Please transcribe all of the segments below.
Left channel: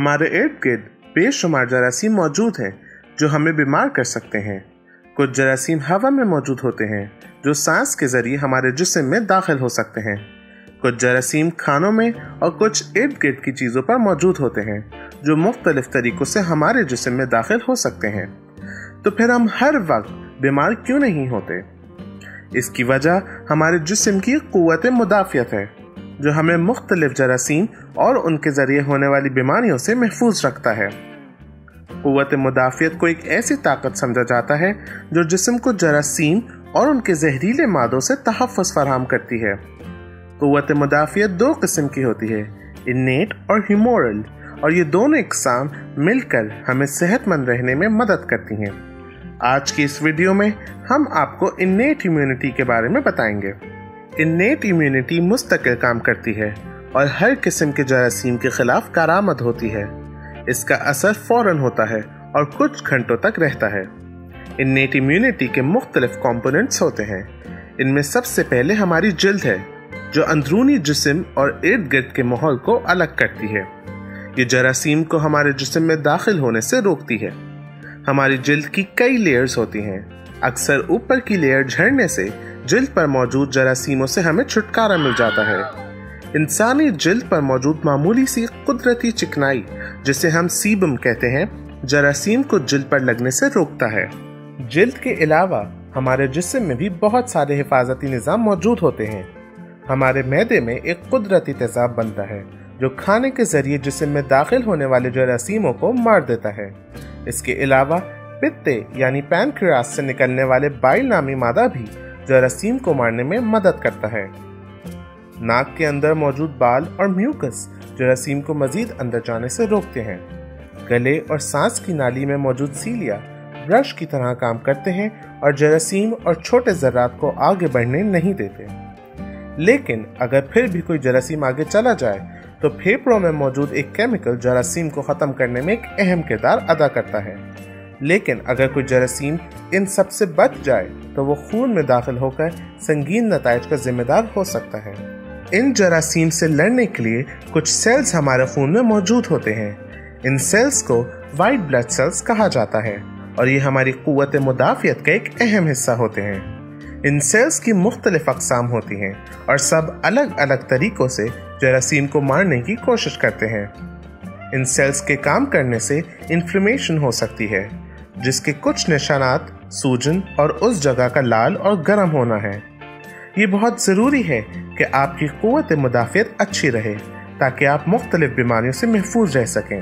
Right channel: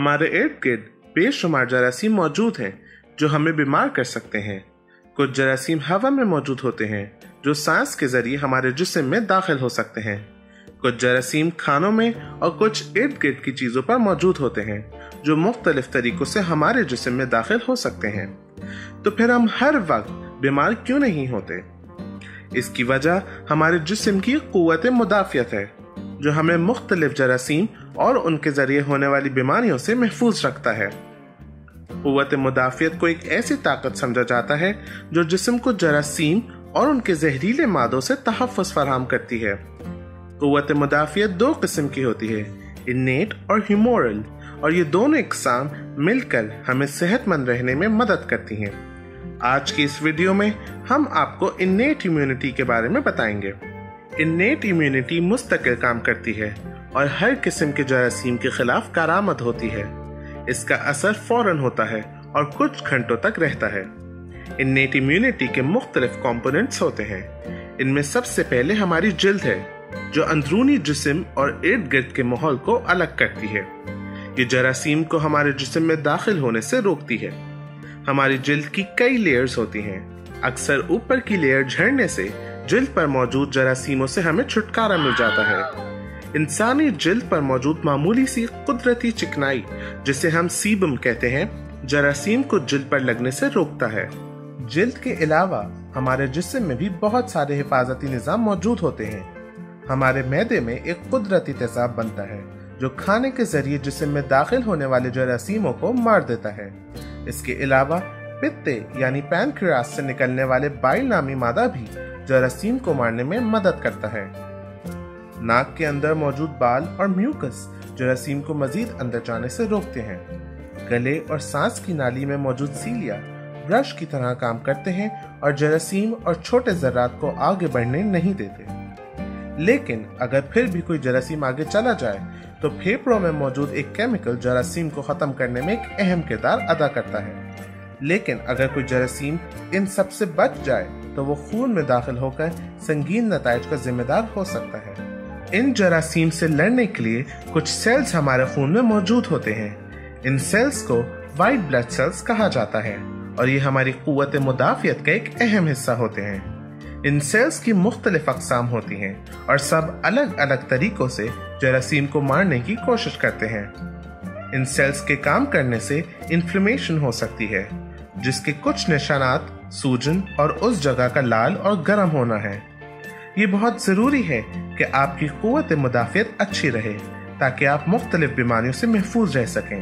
हमारे इर्द गिर्द बेशुमार जरासीम मौजूद हैं जो हमें बीमार कर सकते हैं। कुछ जरासीम हवा में मौजूद होते हैं जो सांस के जरिए हमारे जिस्म में दाखिल हो सकते हैं। कुछ जरासीम खानों में और कुछ इर्द गिर्द की चीजों पर मौजूद होते हैं जो मुख्तलिफ तरीकों से हमारे जिस्म में दाखिल हो सकते हैं। तो फिर हम हर वक्त बीमार क्यों नहीं होते? इसकी वजह हमारे जिस्म की कुव्वत मुदाफियत है जो हमें मुख्तलिफ जरासीम और उनके जरिए होने वाली बीमारियों से महफूज रखता है। कुव्वत मुदाफियत को एक ऐसी ताकत समझा जाता है जो जिस्म को जरासीम और उनके जहरीले मादों से तहफ़्फ़ुज़ फराहम करती है। कुव्वत मुदाफियत दो किस्म की होती है, इन्नेट और ह्यूमोरल, और ये दोनों इकसाम मिलकर हमें सेहतमंद रहने में मदद करती हैं। आज की इस वीडियो में हम आपको इन्नेट इम्यूनिटी के बारे में बताएंगे। इन्नेट इम्यूनिटी मुस्तकिल काम करती है और हर किस्म के जरासीम के खिलाफ कारआमद होती है। इसका असर फौरन होता है और कुछ घंटों तक रहता है। इन्नेट इम्यूनिटी के मुख्तलिफ कंपोनेंट्स होते हैं। इनमें सबसे पहले हमारी जिल्द है जो अंदरूनी जिस्म और इर्द गिर्द के माहौल को अलग करती है। ये जरासीम को हमारे जिस्म में दाखिल होने से रोकती है। हमारी जिल्द की कई लेयर्स होती हैं। अक्सर ऊपर की लेयर झड़ने से जिल्द पर मौजूद जरासीमों से हमें छुटकारा मिल जाता है। इंसानी जिल्द पर मौजूद मामूली सी कुदरती चिकनाई, जिसे हम सीबम कहते हैं, जरासीम को जिल्द पर लगने से रोकता है। जिल्द के अलावा हमारे जिस्म में भी बहुत सारे हिफाजती निज़ाम मौजूद होते हैं। हमारे मैदे में एक कुदरती तेज़ाब बनता है जो खाने के जरिए जिस्म में दाखिल होने वाले जरासीमों को मार देता है। इसके अलावा पित्ते यानी पैनक्रियास से निकलने वाले बाइल नामी मादा भी जरासीम को मारने में मदद करता है। नाक के अंदर मौजूद बाल और म्यूकस जरासीम को मजीद अंदर जाने से रोकते हैं। गले और सांस की नाली में मौजूद सीलिया ब्रश की तरह काम करते हैं और जरासीम और छोटे जर्रात को आगे बढ़ने नहीं देते। लेकिन अगर फिर भी कोई जरासीम आगे चला जाए तो फेफड़ों में मौजूद एक केमिकल जरासीम को खत्म करने में एक अहम किरदार अदा करता है। लेकिन अगर कोई जरासीम इन सब से बच जाए तो वो खून में दाखिल होकर संगीन नताइज का जिम्मेदार हो सकता है। इन जरासीम से लड़ने के लिए कुछ सेल्स हमारे खून में मौजूद होते हैं। इन सेल्स को व्हाइट ब्लड सेल्स कहा जाता है और ये हमारी कुव्वत मुदाफियत का एक अहम हिस्सा होते हैं। इन सेल्स की मुख्तलिफ अक़साम होती हैं और सब अलग अलग तरीकों से जरासीम को मारने की कोशिश करते हैं। इन सेल्स के काम करने से इन्फ्लेमेशन हो सकती है, जिसके कुछ निशानात सूजन और उस जगह का लाल और गर्म होना है। ये बहुत ज़रूरी है कि आपकी कुव्वत मुदाफियत अच्छी रहे ताकि आप मुख्तलिफ बीमारियों से महफूज रह सकें।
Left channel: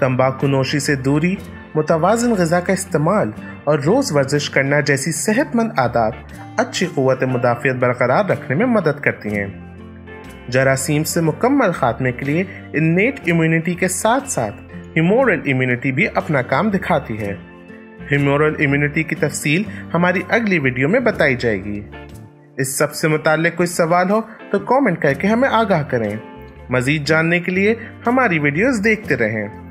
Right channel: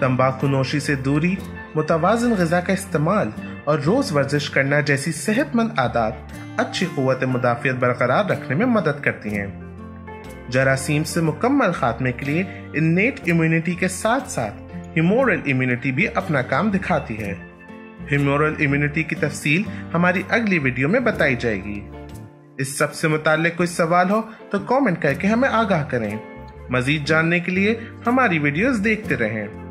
तंबाकू नोशी से दूरी, मुतवाज़िन ग़िज़ा का इस्तेमाल और रोज़ वर्जिश करना जैसी सेहतमंद आदत अच्छी कुव्वत मुदाफियत बरकरार रखने में मदद करती हैं। जरासीम से मुकम्मल खात्मे के लिए इन्नेट इम्यूनिटी के साथ साथ ह्यूमोरल इम्यूनिटी भी अपना काम दिखाती है। ह्यूमोरल इम्यूनिटी की तफसील हमारी अगली वीडियो में बताई जाएगी। इस सब से मुताल्लिक कोई सवाल हो तो कमेंट करके हमें आगाह करें। मजीद जानने के लिए हमारी वीडियोस देखते रहें।